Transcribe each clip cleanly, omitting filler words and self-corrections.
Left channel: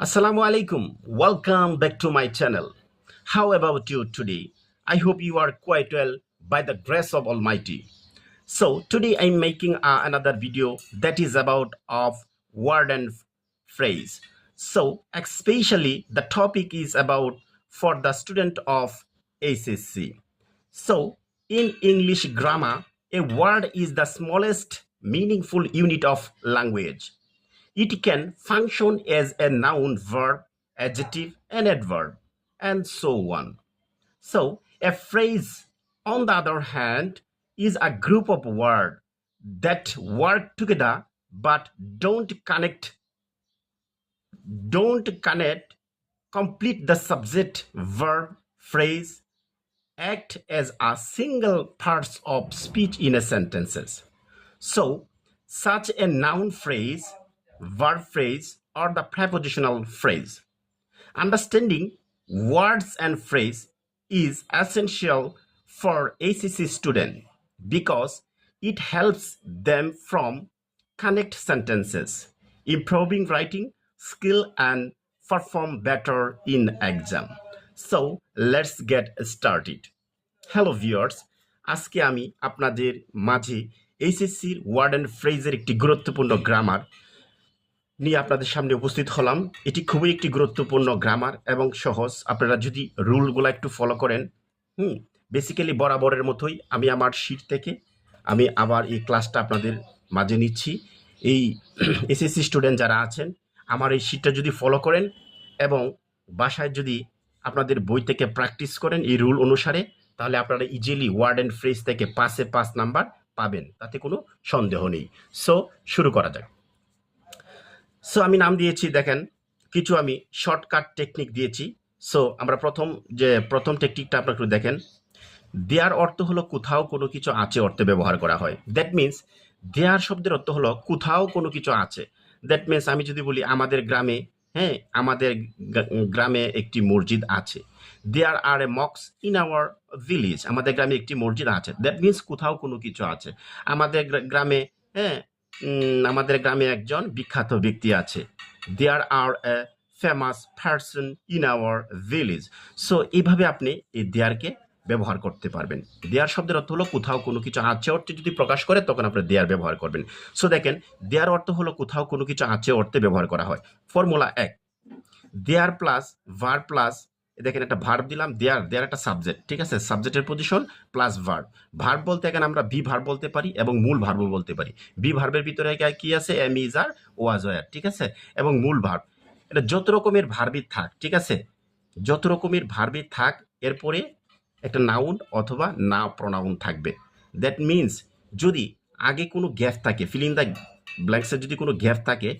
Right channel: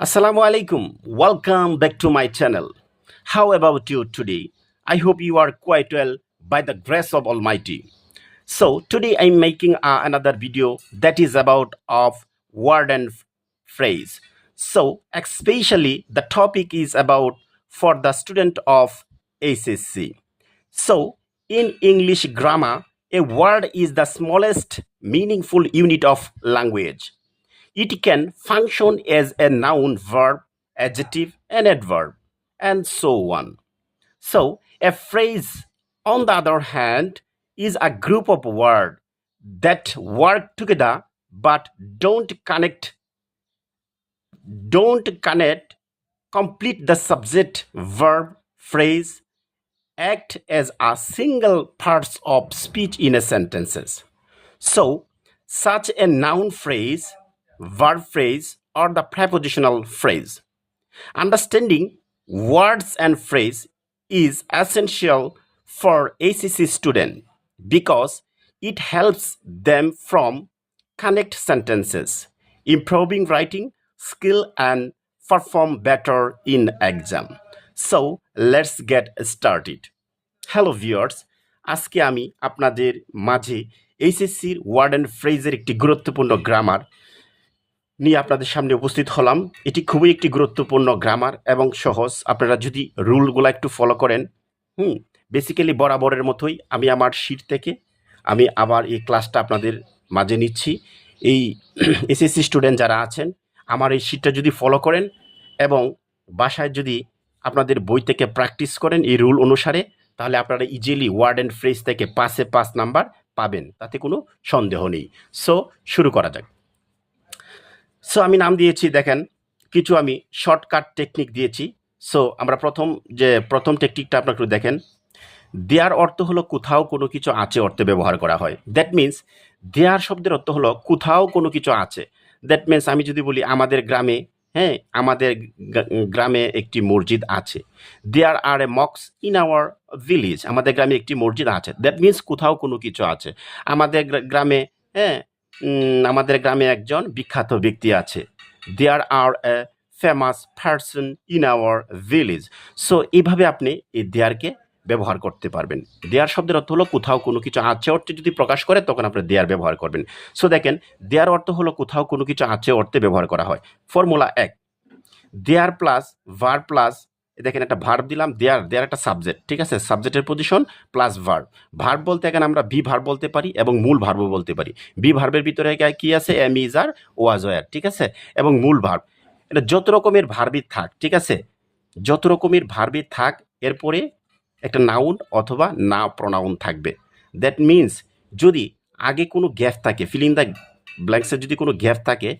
Assalamu alaikum. Welcome back to my channel. How about you today? I hope you are quite well by the grace of Almighty. So today I'm making another video that is about of word and phrase. So especially the topic is about for the student of ACC. So in English grammar, a word is the smallest meaningful unit of language. It can function as a noun, verb, adjective, and adverb, and so on. So, a phrase, on the other hand, is a group of words that work together but don't connect, complete the subject, verb, phrase, act as a single parts of speech in a sentences. So, such a noun phrase, verb phrase, or the prepositional phrase. Understanding words and phrase is essential for ACC student because it helps them from connect sentences, improving writing skill and perform better in exam. So let's get started. Hello viewers, আজকে আমি আপনাদের মাঝে এইচএসসির word and ফ্রেজের একটি গুরুত্বপূর্ণ grammar নিয়ে আপনাদের সামনে উপস্থিত হলাম। এটি খুবই একটি গুরুত্বপূর্ণ গ্রামার এবং সহজ। আপনারা যদি রুলগুলো একটু ফলো করেন, বেসিক্যালি বরাবরের মতোই আমি আমার শিট থেকে আমি আবার এই ক্লাসটা আপনাদের মাঝে নিচ্ছি। এই এসএসসি স্টুডেন্ট যারা আছেন, আমার এই শিটটা যদি ফলো করেন এবং বাসায় যদি আপনাদের বই থেকে প্র্যাকটিস করেন এই রুল অনুসারে, তাহলে আপনারা ইজিলি ওয়ার্ড অ্যান্ড ফ্রেজ থেকে 5-এ 5 নাম্বার পাবেন, তাতে কোনো সন্দেহ নেই। সো শুরু করা যাক। সো আমি নাম দিয়েছি, দেখেন কিছু আমি শর্টকাট টেকনিক দিয়েছি। সো আমরা প্রথম টেকনিকটা আপনারা একটু দেখেন। দেয়ার অর্থ হলো কোথাও কোনো কিছু আছে অর্থে ব্যবহার করা হয়। দ্যাট মিন্স দেয়ার শব্দের অর্থ হলো কোথাও কোনো কিছু আছে। দ্যাট মিন্স আমি যদি বলি আমাদের গ্রামে, আমাদের গ্রামে একটি মসজিদ আছে। There are A Mox in our village, আমাদের গ্রামে একটি মসজিদ আছে। দ্যাট মিন্স কোথাও কোনো কিছু আছে। আমাদের গ্রামে আমাদের গ্রামে একজন বিখ্যাত ব্যক্তি আছে। There are a famous person in our village. So এইভাবে আপনি এই দেয়ারকে ব্যবহার করতে পারবেন। দেয়ার শব্দের অর্থ হলো কোথাও কোনো কিছু আছে অর্থে যদি প্রকাশ করে তখন আপনি দেয়ার ব্যবহার করবেন। সো দেখেন, দেয়ার অর্থ হলো কোথাও কোনো কিছু আছে অর্থে ব্যবহার করা হয়। ফর্মুলা 1, দেয়ার প্লাস ভার্ব প্লাস, দেখেন একটা ভার্ব দিলাম, দেয়ার একটা সাবজেক্ট, ঠিক আছে, সাবজেক্টের পজিশন প্লাস ভার্ব। ভার্ব বলতে এখানে আমরা বি ভার্ব বলতে পারি এবং মূল ভার্বও বলতে পারি। বি ভার্বের ভিতরে কি আছে, am is are was were, ঠিক আছে, এবং মূল ভার্ব। এটা যত রকমের ভার্বই থাক, ঠিক আছে, যত রকমের ভার্বই থাক, এরপরে একটা নাউন অথবা না প্রনাউন থাকবে। দ্যাট মিন্স যদি আগে কোনো গ্যাপ থাকে, ফিল ইন দ্য ব্ল্যাঙ্কসের যদি কোনো গ্যাপ থাকে,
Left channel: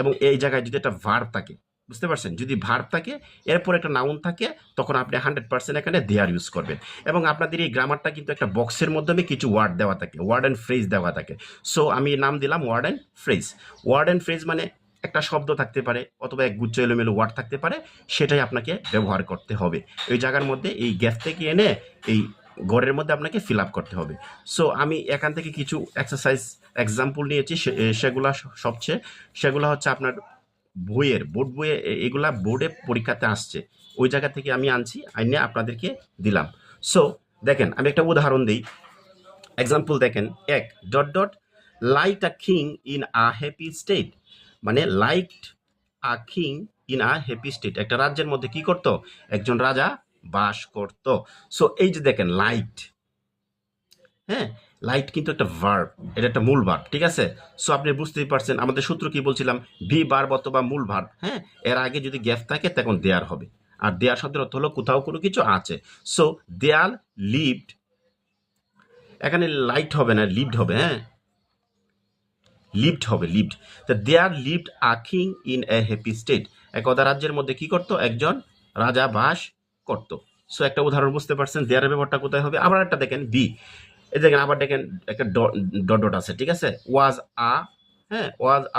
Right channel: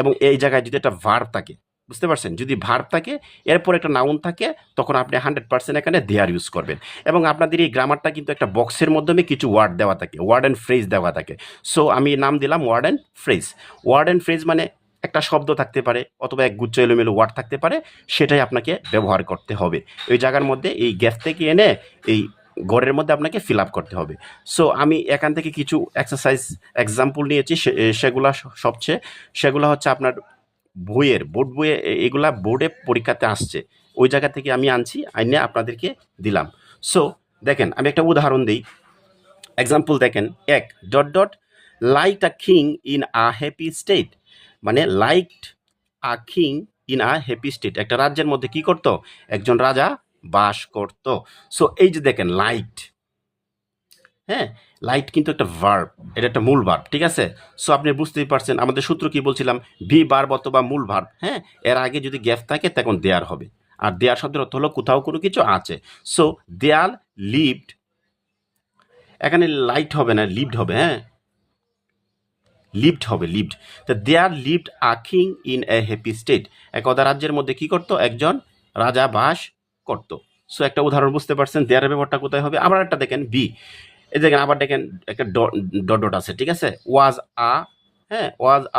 এবং এই জায়গায় যদি একটা ভার্ব থাকে, বুঝতে পারছেন, যদি ভার্ব থাকে এরপর একটা নাউন থাকে, তখন আপনি 100% এখানে দেয়ার ইউজ করবেন। এবং আপনাদের এই গ্রামারটা কিন্তু একটা বক্সের মাধ্যমে কিছু ওয়ার্ড দেওয়া থাকে, ওয়ার্ড অ্যান্ড ফ্রেজ দেওয়া থাকে। সো আমি নাম দিলাম word and phrase. Word and phrase মানে একটা শব্দ থাকতে পারে অথবা এক গুচ্ছ এলোমেলো ওয়ার্ড থাকতে পারে, সেটাই আপনাকে ব্যবহার করতে হবে। ওই জায়গার মধ্যে এই গ্যাপ থেকে এনে এই ঘরের মধ্যে আপনাকে ফিল আপ করতে হবে। সো আমি এখান থেকে কিছু এক্সারসাইজ এক্সাম্পল নিয়েছি, সেগুলো হচ্ছে আপনার বোর্ড বইয়ে, এগুলা বোর্ডে পরীক্ষাতে আসছে, ওই জায়গা থেকে আমি আনছি, আইনে আপনাদেরকে দিলাম। সো দেখেন, আমি একটা উদাহরণ দিই, এক্সাম্পল দেখেন। এক dot dot like a king in a happy state, মানে liked a king in a happy state, একটা রাজ্যের মধ্যে কি করত, একজন রাজা বাস করত। সো এই যে দেখেন লাইকড, লাইট কিন্তু একটা ভার্ব, এটা একটা মূল ভার্ব, ঠিক আছে। সো আপনি বুঝতেই পারছেন আমাদের সূত্র কি বলছিলাম, ভি ভার্ব অথবা মূল ভার্ব, এর আগে যদি গ্যাপ থাকে তখন দেয়ার হবে। আর দেয়ার শব্দের অর্থ হলো কোথাও কোনো কিছু আছে। সো দেয়ার লিভড, এখানে লাইট হবে না, লিভড হবে, লিভড হবে, লিভড। তো there lived a king in a happy state, এক অদা রাজ্যের মধ্যে কি করতো, একজন রাজা বাস করত। সো একটা উদাহরণ বুঝতে পারছেন দেয়ারের ব্যাপারটা কোথায় হবে। আবার একটা দেখেন বি, এই দেখেন আবার দেখেন একটা ডট ডট আছে, ঠিক আছে, was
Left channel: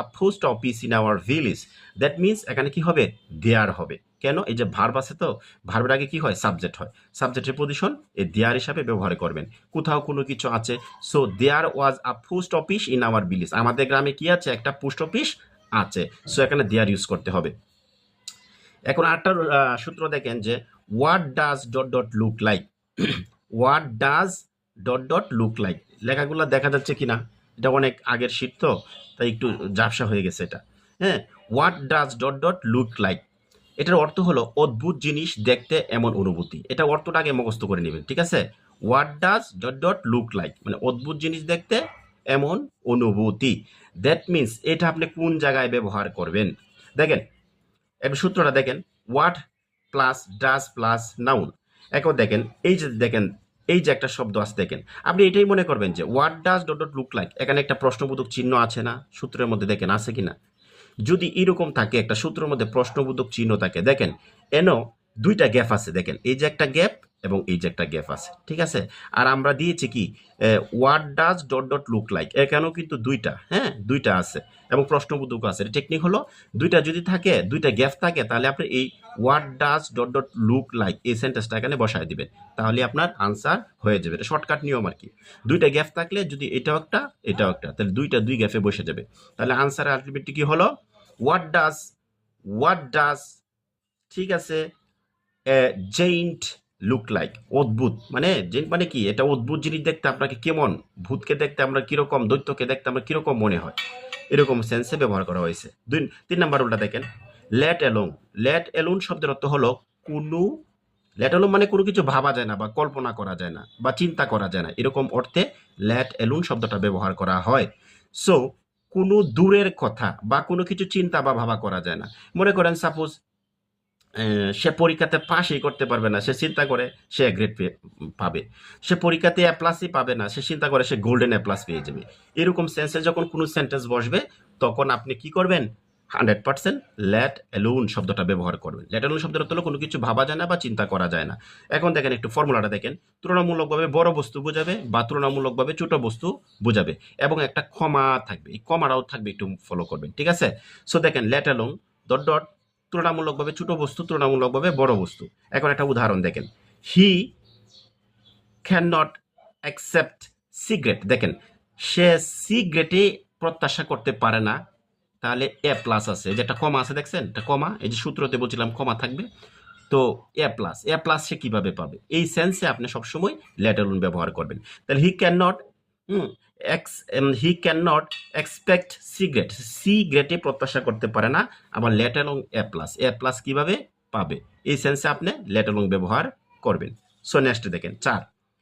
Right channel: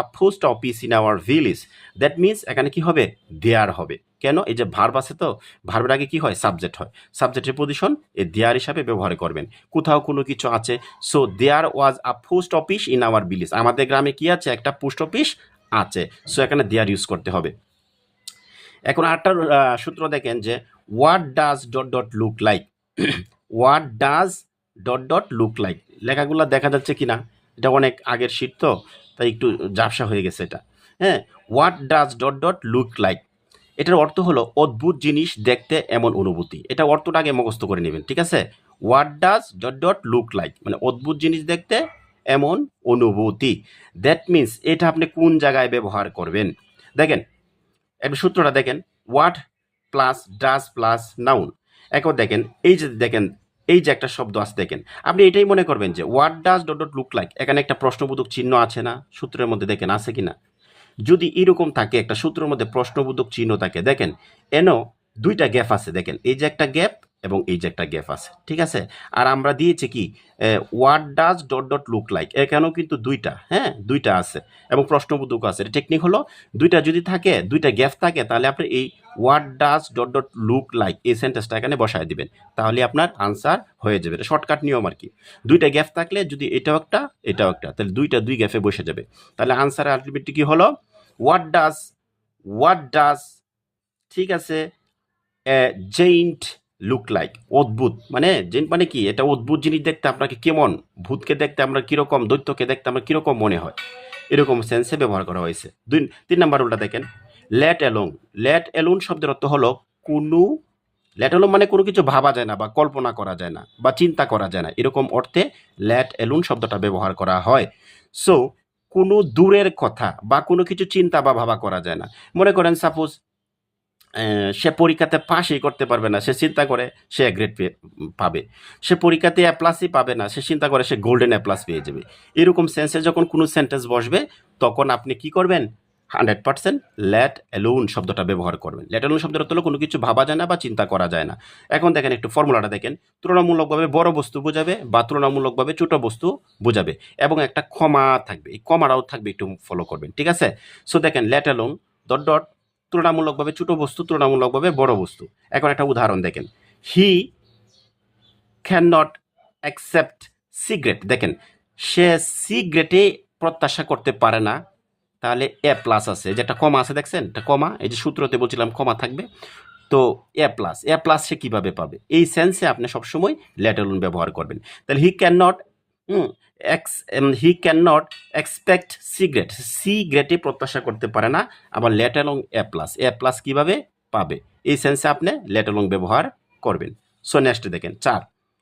a post office in our village. That means এখানে কি হবে, দেয়ার হবে। কেন, এই যে ভার্ব আছে, তো ভার্বের আগে কি হয়, সাবজেক্ট হয়, সাবজেক্টের পজিশন এই দেয়ার হিসাবে ব্যবহার করবেন। কোথাও কোনো কিছু আছে। So there was a post office in our village, আমাদের গ্রামে কি আছে, একটা পোস্ট অফিস আছে। সো এখানে দেয়ার ইউজ করতে হবে। এখন আরেকটা সূত্র দেখেন যে what does dot dot look like what does dot dot look like লেখাগুলো দেখা যাচ্ছে কিনা, এটা অনেক আগের শীট তো তাই একটু ঝাপসা হয়ে গেছে এটা। হ্যাঁ, what does dot dot look like, এটার অর্থ হলো অদ্ভুত জিনিস দেখতে এমন অনুভূতি। এটা অর্থটা আগে মুখস্থ করে নেবেন, ঠিক আছে? What does dot dot look like মানে অদ্ভুত জিনিস দেখতে এমন অনুভূতি। দ্যাট মিনস এটা আপনি কোন জায়গায় ব্যবহার করবেন দেখেন, এবার সূত্রটা দেখেন, what plus does plus noun. এখন দেখেন এই যে দেখেন এই যে একটা শব্দ আছে দেখেন, আপনি এটাই মনে করবেন যে what does dot dot look like, এখানে একটা প্রশ্নবোধক চিহ্ন আছে না সূত্রের মধ্যে, দেখেন আছে কিনা। যদি এরকম থাকে একটা সূত্রের মধ্যে প্রশ্নবোধক চিহ্ন থাকে, দেখেন এনো দুইটা গ্যাপ আছে, দেখেন এই যে একটা গ্যাপ এবং এই যে একটা গ্যাপ আছে, ঠিক আছে? আর আমরা দিয়েছি কি what does dot dot look like, এখানেও কিন্তু দুইটা, হ্যাঁ দুইটা আছে এবং প্রশ্নবোধক আছে। টেকনিক হলো দুইটা যদি থাকে, দুইটা গ্যাপ থাকে, তাহলে আপনি এই what does dot dot look like এই সেন্টেন্সটা এখানে বসায় দিবেন, তাহলে আপনার আনসার হয়ে যাবে। এটা শর্টকাট নিয়ম আর কি। দুইটা গ্যাপ থাকলে যদি এটাও একটা এটাও একটা, তাহলে দুই গ্যাপে বসে যাবে। তাহলে আনসার আলটিমেটলি কি হলো, হোয়াট ডাজ, ঠিক আছে, জেইন্ট লুক লাইক, অদ্ভুত মানে জেন্ট মানে কি, এটা অদ্ভুত জিনিস দেখতে আপনাকে কেমন, ভূতকে দেখতে আমরা কিরকম, দৈত্যকে দেখতে আমরা কিরকম মনে হয়, এরকম সেন্সে ব্যবহার করা হয়েছে। 3 নাম্বার উল্টা দেখেন, লেট অ্যালোন। লেট অ্যালোন শব্দের অর্থ হলো কোনো, লেট অ্যালোন মানে কোনো কিছু ভাবা যায় না বা কল্পনা করা যায় না বা চিন্তা করা যায় না, এরকম অর্থে লেট অ্যালোন শব্দটা ব্যবহার করা হয়। সো কোনো দূরের কথা বা কোনো কিছু চিন্তা বা ভাবা করা যায় না। মনে করেন সাপোজ সে পরীক্ষাতে পাসই করতে পারবে না, সে চিন্তা করে সে গ্রেড পাবে। সে পরীক্ষাতে এ প্লাসই পাবে না, সে চিন্তা করে সে গোল্ডেন এ প্লাস পেয়ে যাবে। এরকম সেন্সে যখন কোনো সেন্টেন্স বসবে তখন আপনি কি করবেন, 100% লেট অ্যালোন শব্দটা ব্যবহার করবেন। লেট অ্যালোন শব্দের অর্থ হলো কোনো কিছু ভাবা যায় না বা চিন্তা করা যায় না। এখন দেখেন একটু ফর্মুলাটা দেখেন, তুলনামূলকভাবে বড় বস্তু বোঝাবে বা তুলনামূলকভাবে ছোট বস্তু বোঝাবে এবং একটা কমা থাকবে, এই কমাটাও থাকবে, একটু ফলো করবেন, ঠিক আছে? সো দেখেন লেট অ্যালোন ডট ডট তুলনামূলকভাবে ছোট বস্তু, তুলনামূলকভাবে বড় বস্তু। এখন একটা উদাহরণ দেখেন, হি ক্যান নট অ্যাকসেপ্ট সিগারেট, দেখেন সে সিগারেটে প্রত্যাশা করতে পারে না, তাহলে এ প্লাস আছে, যেটা কমা আছে দেখছেন, এটা কমা, এই যে সূত্রতে বলছিলাম কমা থাকবে, তো এ প্লাস সে কিভাবে পাবে, এই সেন্সে আপনি সবসময় লেট অ্যালোন ব্যবহার করবেন। তাহলে he can not, he can not expect cigarette, সিগারেটে প্রত্যাশা করতে পারে না, আবার লেট অ্যালোং এ প্লাস কিভাবে পাবে, এই সেন্সে আপনি লেট অ্যালোং ব্যবহার করবেন। সো নেক্সট দেখেন 4,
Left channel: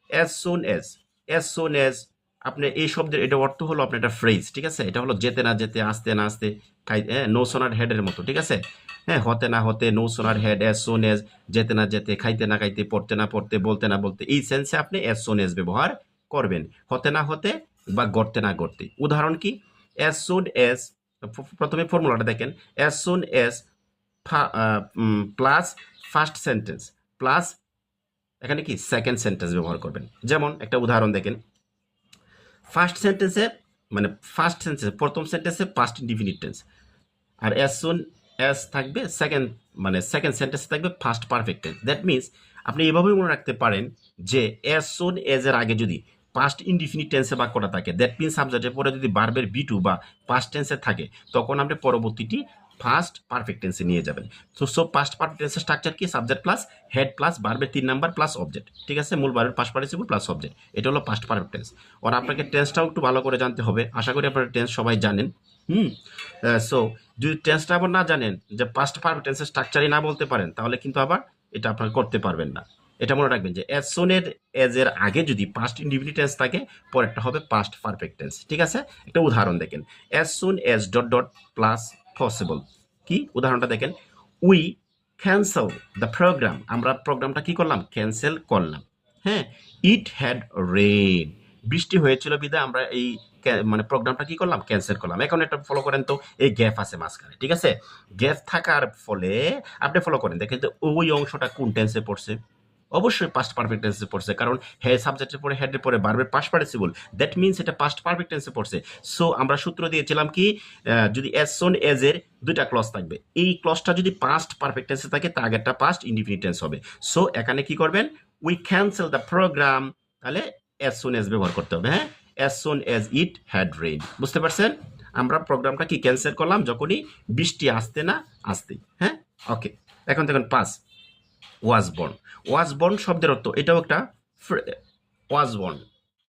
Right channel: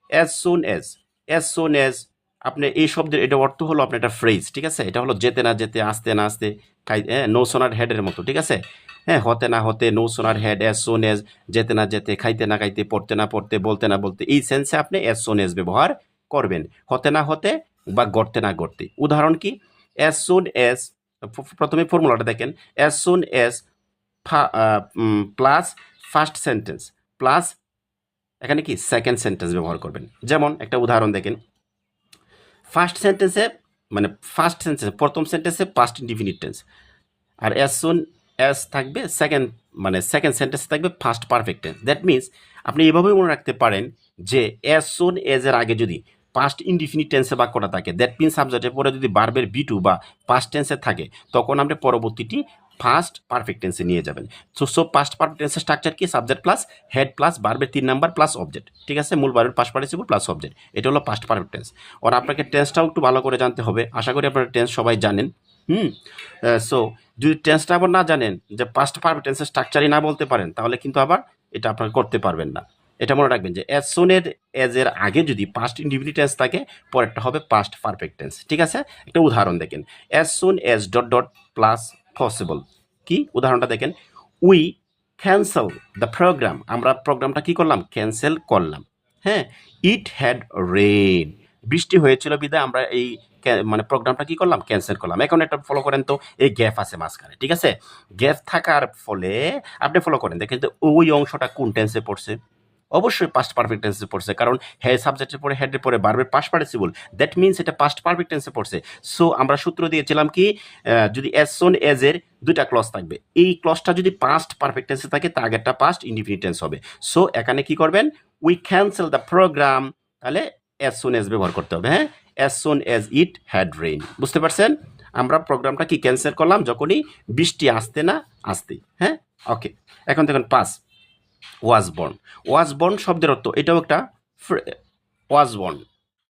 as soon as. As soon as আপনি এই শব্দের এটা অর্থ হলো আপনার একটা ফ্রেজ, ঠিক আছে? এটা হলো যেতে না যেতে, আসতে না আসতে, নো সোনার হেডের মতো, ঠিক আছে? হ্যাঁ, হতে না হতে, no sooner head, as soon as, যেতে না যেতে, খাইতে না খাইতে, পড়তে না পড়তে, বলতে না বলতে, এই সেন্সে আপনি অ্যাজ সুন এজ ব্যবহার করবেন, হতে না হতে বা গড়তে না গড়তে। উদাহরণ কি, অ্যাজ সুন এজ, প্রথমে ফর্মুলাটা দেখেন, as soon as plus first sentence plus এখানে কি সেকেন্ড সেন্টেন্স ব্যবহার করবেন। যেমন একটা উদাহরণ দেখেন, ফার্স্ট সেন্টেন্সে মানে ফার্স্ট সেন্টেন্সে প্রথম সেন্টেন্সে পাস্ট ইনডিফিনিট টেন্স, আর অ্যাজ সুন অ্যাজ থাকবে সেকেন্ড, মানে সেকেন্ড সেন্টেন্স থাকবে first perfect tense. That means আপনি এভাবেই মনে রাখতে পারেন যে অ্যাজ সুন এজ এর আগে যদি পাস্ট ইনডিফিনিট টেন্সে বাক্যটা থাকে, দ্যাট মিনস সাবজেক্টের পরে যদি বার্বের বি টু বা পাস্ট টেন্সে থাকে, তখন আপনি পরবর্তীটি ফার্স্ট পারফেক্ট টেন্সে নিয়ে যাবেন। সো পাস্ট পারফেক্ট টেন্সের স্ট্রাকচার কি, সাবজেক্ট প্লাস হেড প্লাস বার্বের 3 নাম্বার প্লাস অবজেক্ট, ঠিক আছে? মূল বার্বের পাস্ট পার্টিসিপল প্লাস অবজেক্ট, এটা হলো পাস্ট পারফেক্ট টেন্স। আর আপনাকে টেন্সটাও একটু ভালো করে জানতে হবে, আশা করি আপনারা টেন্স সবাই জানেন। হুম, সো যদি টেন্সটা আবার না জানেন, যে পাস্ট পারফেক্ট টেন্সের স্ট্রাকচারই না বলতে পারেন, তাহলে কিন্তু আবার এটা আপনারা করতে পারবেন না। এটা মনে রাখবেন যে অ্যাজ সুন এজ এর আগে যদি পাস্ট ইনডিফিনিট টেন্স থাকে, পরেরটা হবে পাস্ট পারফেক্ট টেন্স, ঠিক আছে? একটা উদাহরণ দেখেন, as soon as dot dot plus possible, কি উদাহরণটা দেখেন, উই ক্যান্সেল দ্য প্রোগ্রাম, আমরা প্রোগ্রামটা কি করলাম, ক্যান্সেল করলাম। হ্যাঁ, ইট হ্যাড রেন, বৃষ্টি হয়েছিল বিধায় আমরা এই মানে প্রোগ্রামটা কি করলাম, ক্যান্সেল করলাম। এখন একটা ফলো করেন তো, এই গ্যাপ আছে মাঝখানে, ঠিক আছে? গ্যাপ থাকার ফলে আপনি ফলো করেন, দেখেন তো ওই অংশটা কোন টেন্সে পড়ছে, অবশ্যই পাস্ট পারফেক্ট টেন্সে পড়ছে, কারণ হ্যাঁ সাবজেক্টের পরে হেডের পরে বারবার পাস্ট পার্টিসিপল, দ্যাট মিনস এটা পাস্ট পারফেক্ট টেন্সে পড়ছে। সো আমরা সূত্র দিয়েছিলাম কি, যদি অ্যাজ সুন এজ এর দুইটা ক্লজ থাকবে, এই ক্লজটা যদি পাস্ট পারফেক্ট টেন্সে থাকে, তার আগেরটা পাস্ট ইনডিফিনিট টেন্স হবে। সো এখানে কি করবেন, উই ক্যান্সেল দ্য প্রোগ্রাম, তাহলে অ্যাজ সুন এজ ব্যবহার করতে হবে। হ্যাঁ, as soon as it had rain, বুঝতে পারছেন? আমরা প্রোগ্রামটা কি ক্যান্সেল করলাম যখনই বৃষ্টি আসতে না আসতেই। হ্যাঁ, ওকে। এখন দেখেন পাস ওয়াজ বর্ন শব্দের অর্থ এটাও একটা ওয়াজ বর্ন